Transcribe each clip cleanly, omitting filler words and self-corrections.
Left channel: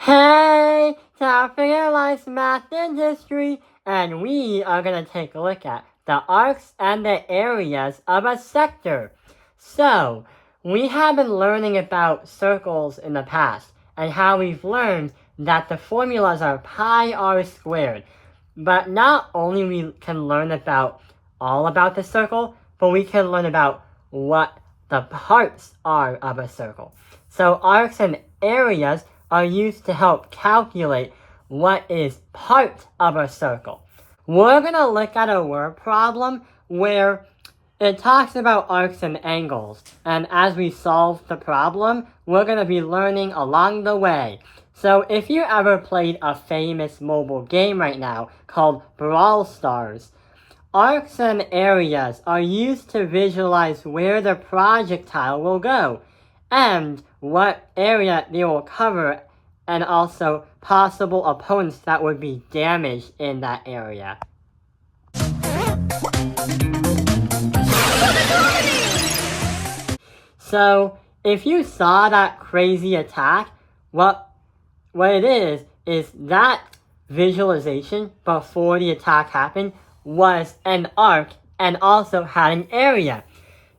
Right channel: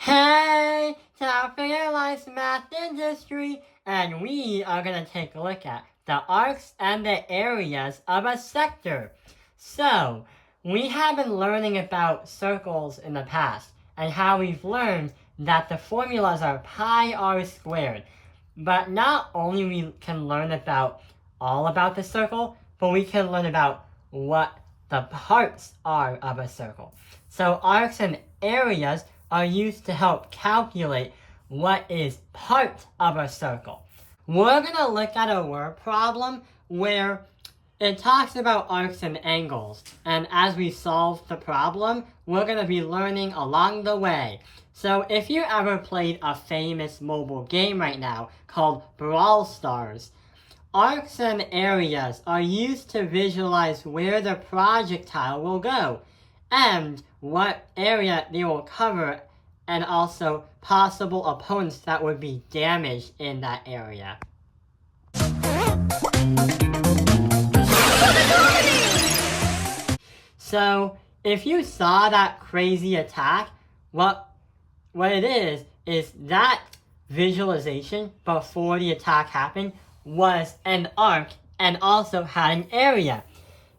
Hey, Figure Life's Math and History, and we are going to take a look at the arcs and the areas of a sector. So, we have been learning about circles in the past, and how we've learned that the formulas are pi r squared. But not only we can learn all about the circle, but we can learn about what the parts are of a circle. So arcs and areas are used to help calculate what is part of a circle. We're going to look at a word problem where it talks about arcs and angles. And as we solve the problem, we're going to be learning along the way. So if you ever played a famous mobile game right now called Brawl Stars, arcs and areas are used to visualize where the projectile will go and what area they will cover, and also possible opponents that would be damaged in that area. So if you saw that crazy attack, what it is that visualization before the attack happened was an arc and also had an area.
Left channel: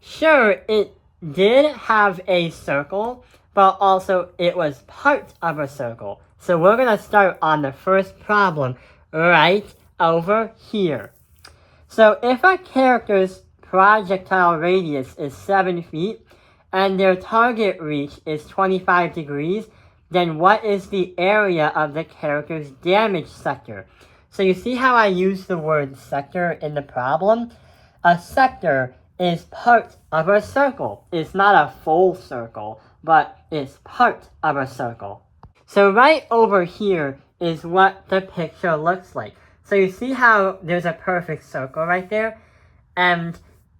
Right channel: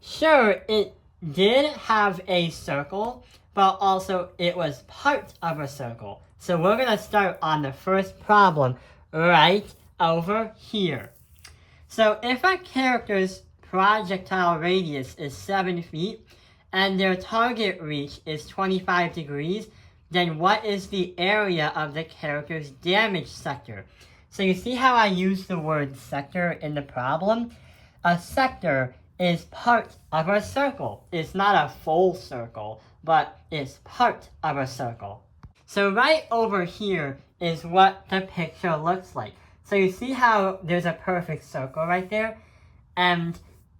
Sure, it did have a circle, but also it was part of a circle. So we're going to start on the first problem right over here. So if a character's projectile radius is 7 feet and their target reach is 25 degrees, then what is the area of the character's damage sector? So you see how I use the word sector in the problem? A sector is part of a circle. It's not a full circle, but it's part of a circle. So right over here is what the picture looks like. So you see how there's a perfect circle right there? And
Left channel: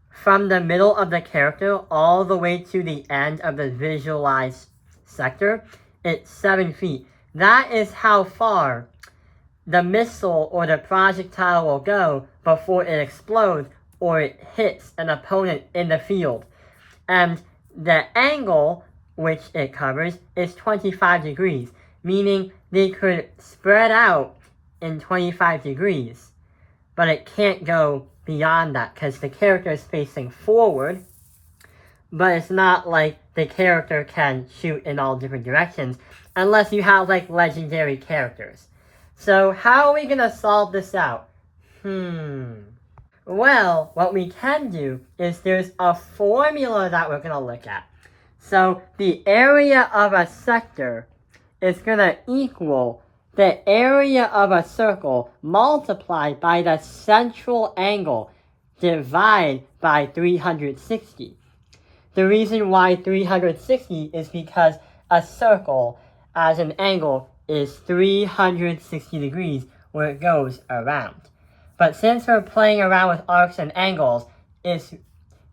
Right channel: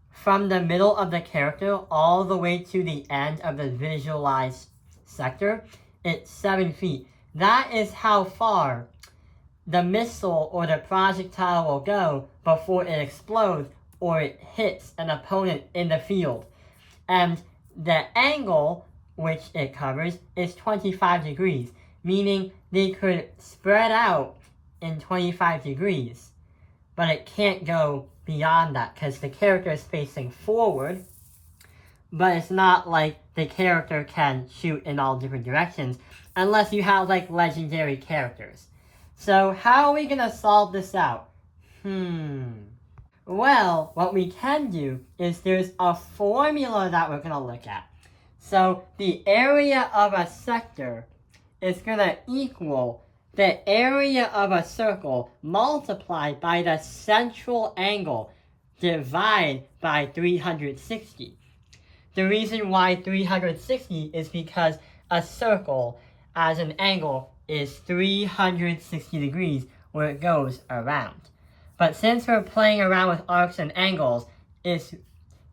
from the middle of the character all the way to the end of the visualized sector, it's 7 feet. That is how far the missile or the projectile will go before it explodes or it hits an opponent in the field. And the angle which it covers is 25 degrees, meaning they could spread out in 25 degrees, but it can't go beyond that because the character is facing forward, but it's not like the character can shoot in all different directions unless you have like legendary characters. So how are we going to solve this out? Well, what we can do is there's a formula that we're going to look at. So the area of a sector is going to equal the area of a circle multiplied by the central angle divided by 360. The reason why 360 is because a circle as an angle is 360 degrees where it goes around. But since we're playing around with arcs and angles,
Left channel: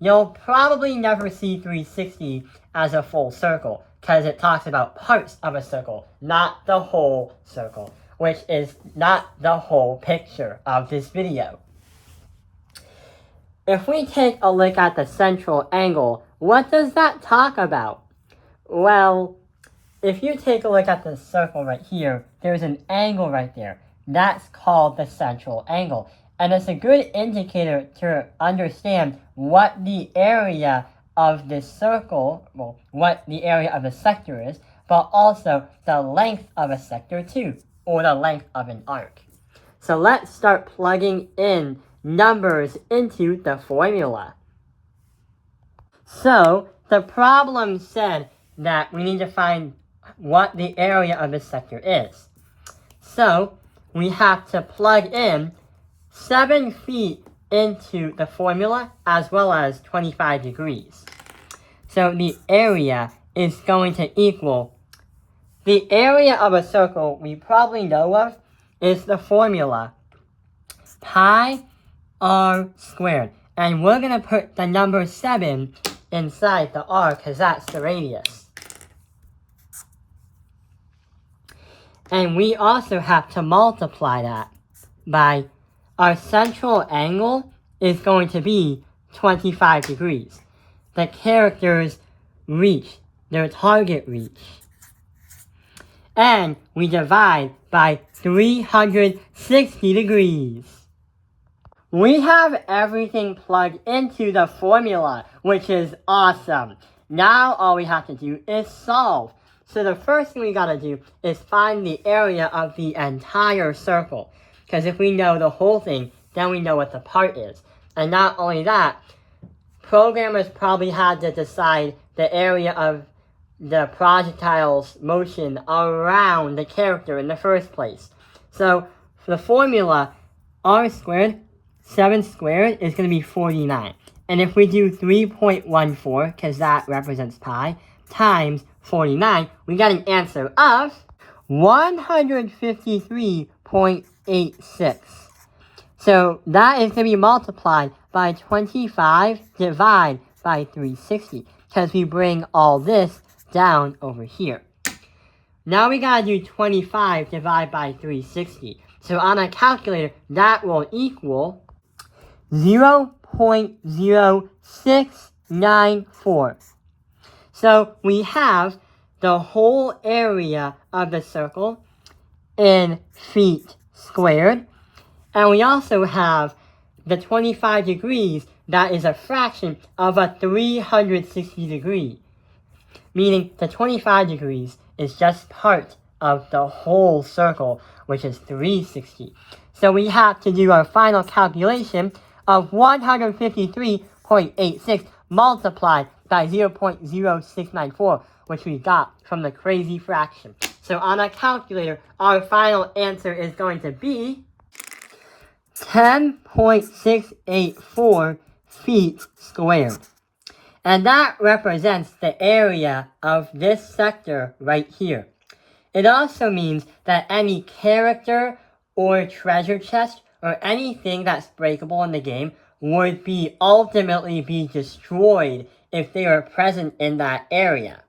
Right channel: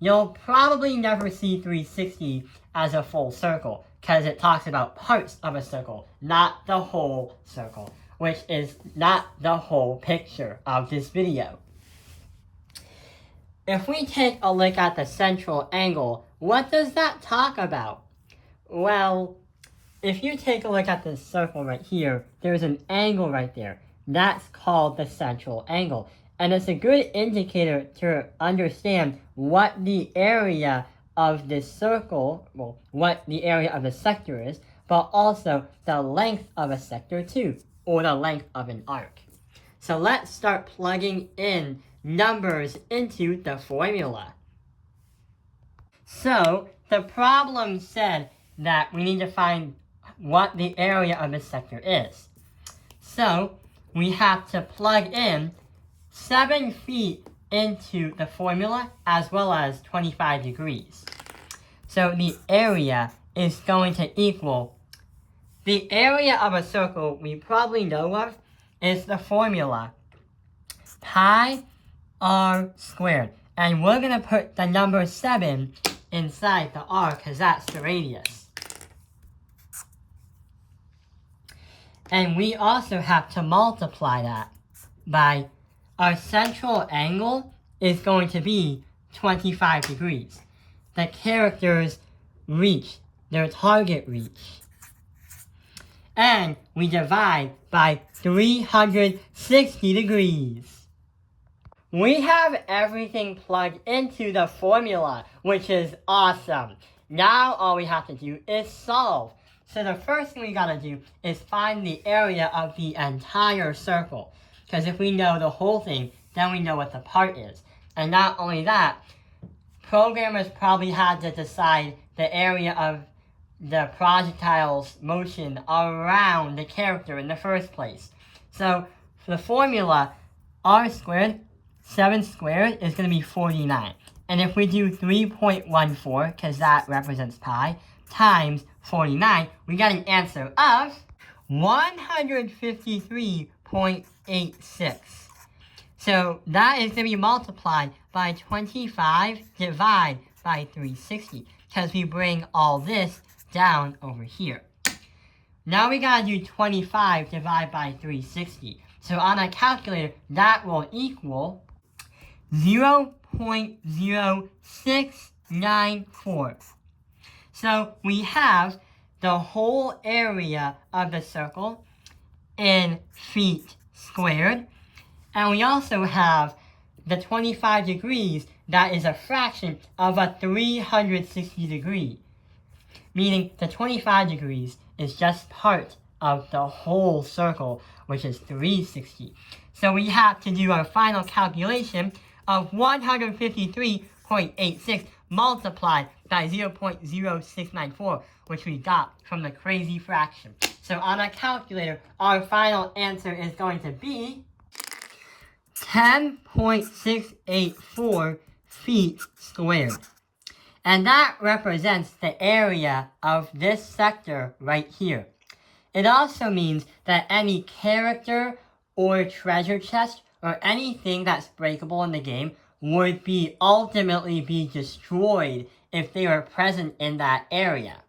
you'll probably never see 360 as a full circle because it talks about parts of a circle, not the whole circle, which is not the whole picture of this video. If we take a look at the central angle, what does that talk about? Well, if you take a look at the circle right here, there's an angle right there. That's called the central angle. And it's a good indicator to understand what the area of this circle, what the area of the sector is, but also the length of a sector too, or the length of an arc. So let's start plugging in numbers into the formula. So the problem said that we need to find what the area of the sector is. So we have to plug in 7 feet into the formula as well as 25 degrees. So the area is going to equal the area of a circle we probably know of is the formula pi r squared. And we're going to put the number 7 inside the r because that's the radius. And we also have to multiply that by our central angle is going to be 25 degrees. The character's reach, their target reach. and we divide by 360 degrees. We have everything plugged into the formula, which is awesome. Now all we have to do is solve. So the first thing we gotta do is find the area of the entire circle. Because if we know the whole thing, then we know what the part is. And not only that, programmers probably had to decide the area of the projectile's motion around the character in the first place. So for the formula, r squared, 7 squared is going to be 49. And if we do 3.14, because that represents pi, times 49, we got an answer of 153.86. So that is going to be multiplied by 25 divided by 360, because we bring all this down over here. Now we gotta do 25 divided by 360. So on a calculator, that will equal 0.0694. So we have the whole area of the circle in feet squared. And we also have the 25 degrees that is a fraction of a 360 degree. Meaning the 25 degrees is just part of the whole circle, which is 360. So we have to do our final calculation of 153.86 multiplied by 0.0694, which we got from the crazy fraction. So on a calculator, our final answer is going to be 10.684 feet squared. And that represents the area of this sector right here. It also means that any character or treasure chest or anything that's breakable in the game would ultimately be destroyed if they were present in that area.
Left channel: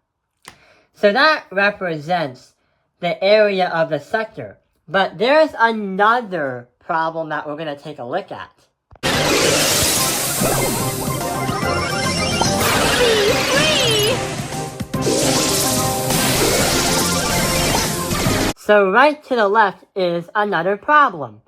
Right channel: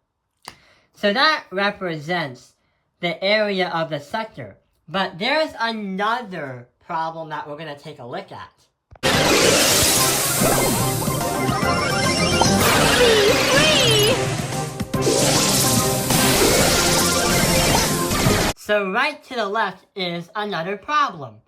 So that represents the area of the sector. But there's another problem that we're going to take a look at. So right to the left is another problem.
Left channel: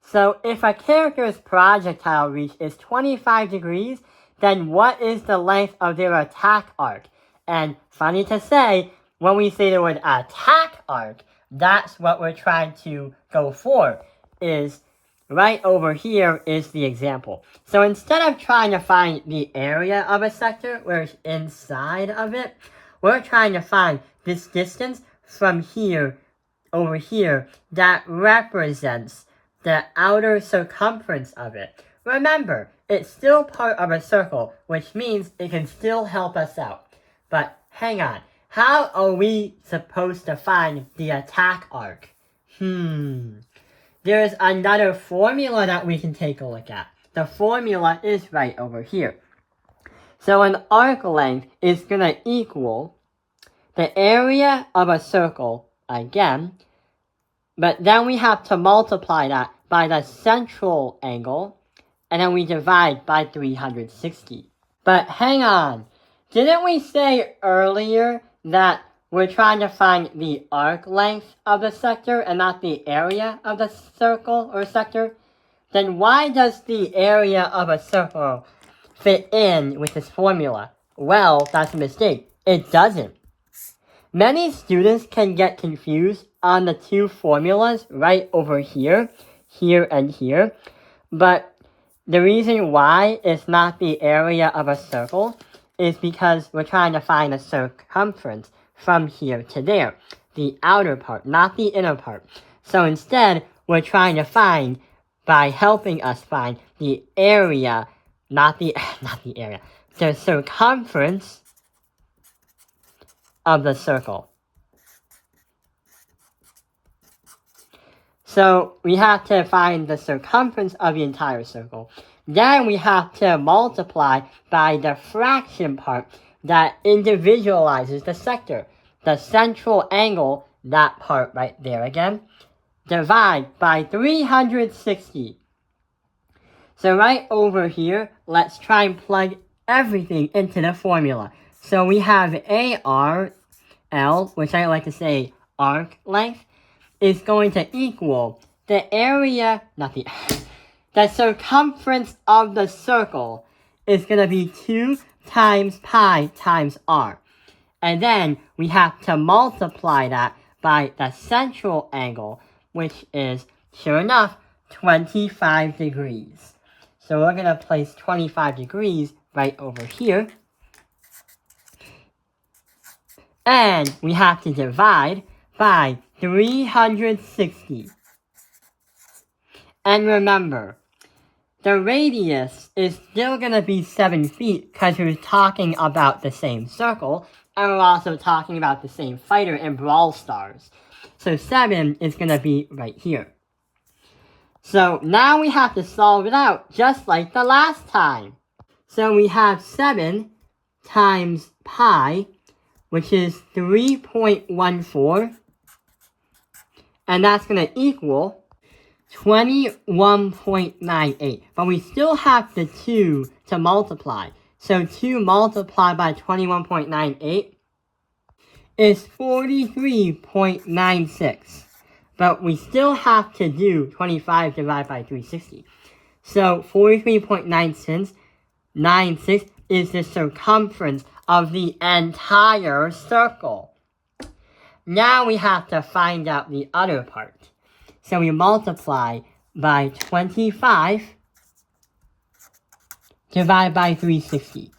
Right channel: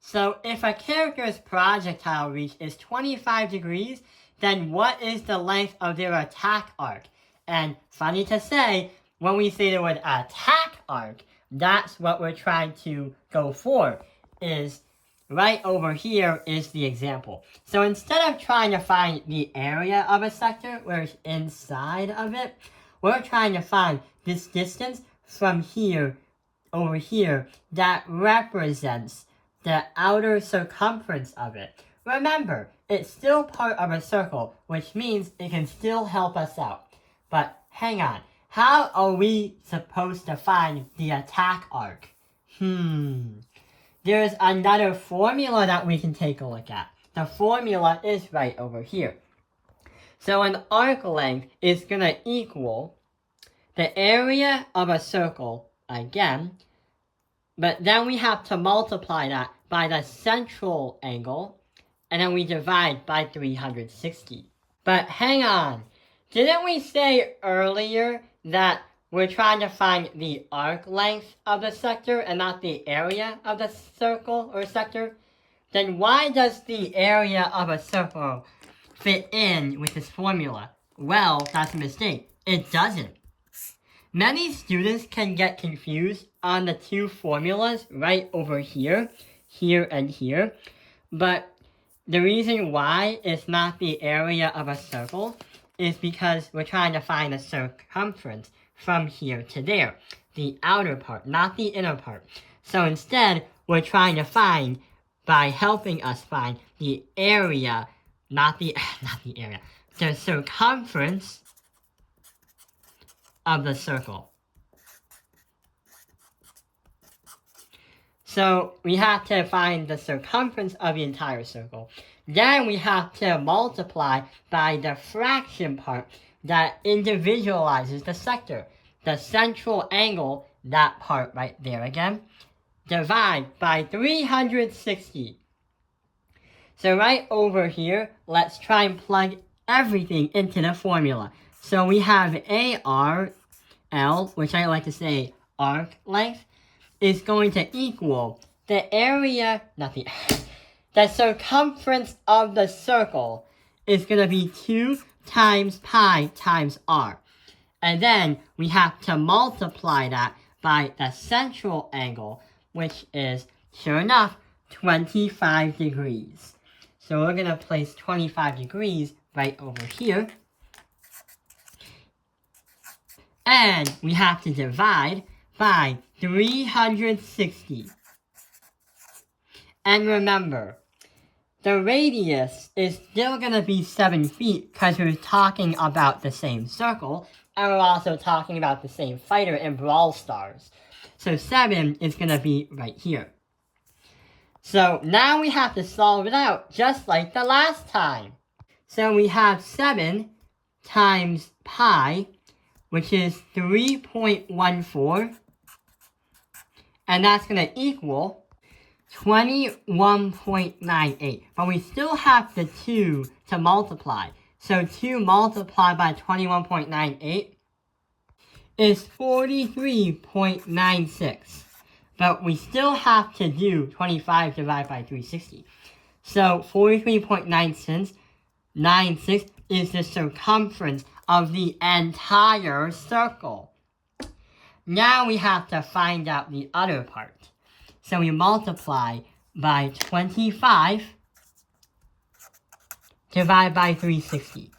So if a character's projectile reach is 25 degrees, then what is the length of their attack arc? And funny to say, when we say the word attack arc, that's what we're trying to go for, is right over here is the example. So instead of trying to find the area of a sector where it's inside of it, we're trying to find this distance from here over here that represents the outer circumference of it. Remember, it's still part of a circle, which means it can still help us out. But hang on, how are we supposed to find the attack arc? There's another formula that we can take a look at. The formula is right over here. So an arc length is going to equal the area of a circle again, but then we have to multiply that by the central angle, and then we divide by 360. But hang on, didn't we say earlier that we're trying to find the arc length of the sector and not the area of the circle or sector? Then why does the area of a circle fit in with this formula? Well, that's a mistake. It doesn't. Many students can get confused on the two formulas right over here, here and here, but the reason why it's not the area of a circle is because we're trying to find the circumference from here to there, the outer part, not the inner part. So instead, we're trying to find, by helping us find the area, the circumference of the circle. So we have to find the circumference of the entire circle. Then we have to multiply by the fraction part that individualizes the sector. The central angle, that part right there again, divide by 360. So right over here, let's try and plug everything into the formula. So we have ARL, which I like to say arc length is going to equal the area, the circumference of the circle is going to be 2 times pi times r. And then we have to multiply that by the central angle, which is, sure enough, 25 degrees. So we're going to place 25 degrees right over here. And we have to divide by 360. And remember, the radius is still going to be 7 feet because we're talking about the same circle, and we're also talking about the same fighter in Brawl Stars. So 7 is going to be right here. So now we have to solve it out just like the last time. So we have 7 times pi, which is 3.14, and that's going to equal 21.98. But we still have the 2 to multiply. So 2 multiplied by 21.98 is 43.96. But we still have to do 25 divided by 360. So 43.96 is the circumference of the entire circle. Now we have to find out the other part. So we multiply by 25 divided by 360.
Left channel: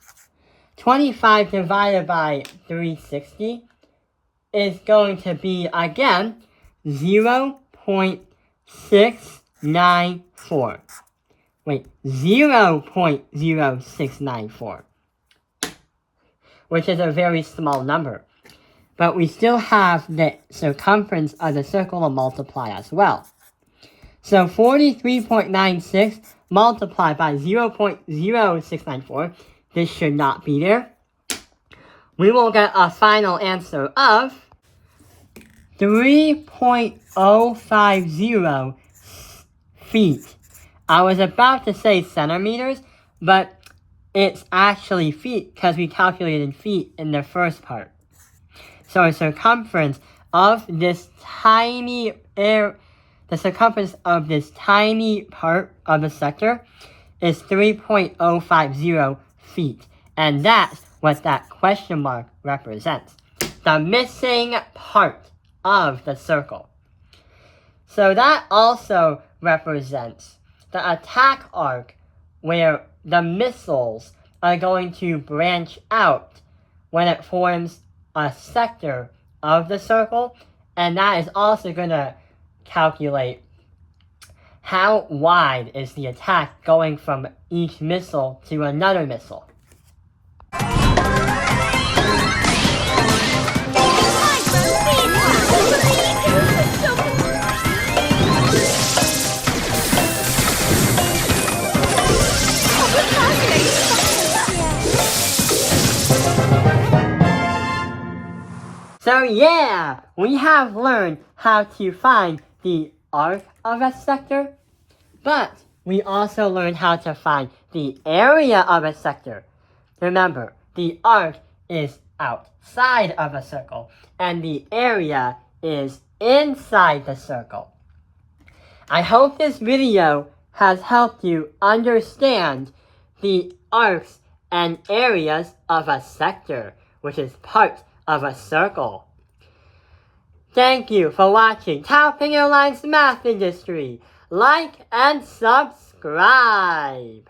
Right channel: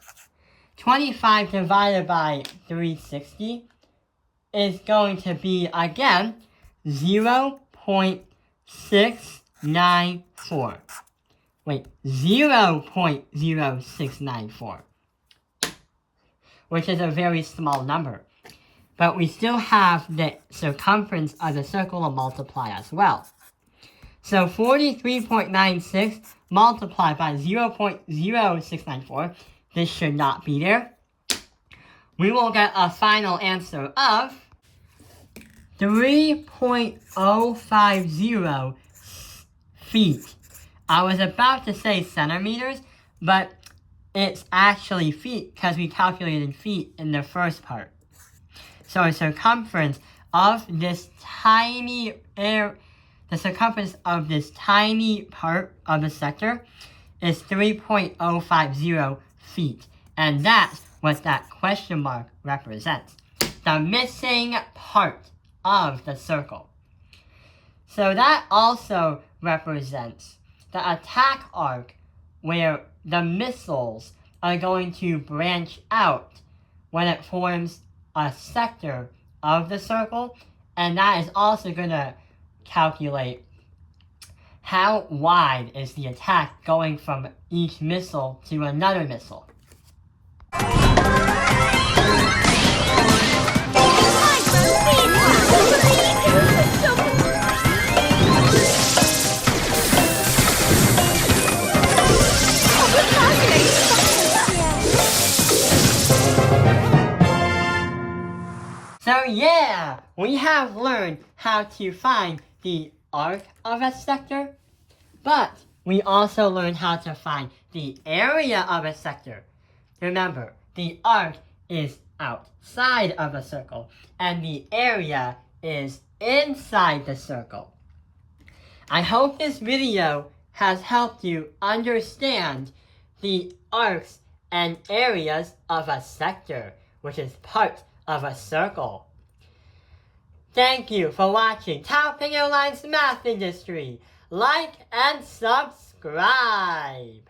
25 divided by 360 is going to be, again, 0.694. Wait, 0.0694. Which is a very small number. But we still have the circumference of the circle to multiply as well. So 43.96 multiplied by 0.0694, this should not be there. We will get a final answer of 3.050 feet. I was about to say centimeters, but it's actually feet because we calculated feet in the first part. So the circumference of this tiny part of the sector is 3.050 feet. And that's what that question mark represents. The missing part of the circle. So that also represents the attack arc where the missiles are going to branch out when it forms a sector of the circle, and that is also going to calculate how wide is the attack going from each missile to another missile. So yeah, we have learned how to find the arc of a sector, but we also learned how to find the area of a sector. Remember, the arc is outside of a circle, and the area is inside the circle. I hope this video has helped you understand the arcs and areas of a sector, which is part of a circle. Thank you for watching Tao Ping Airlines Math Industry. Like and subscribe.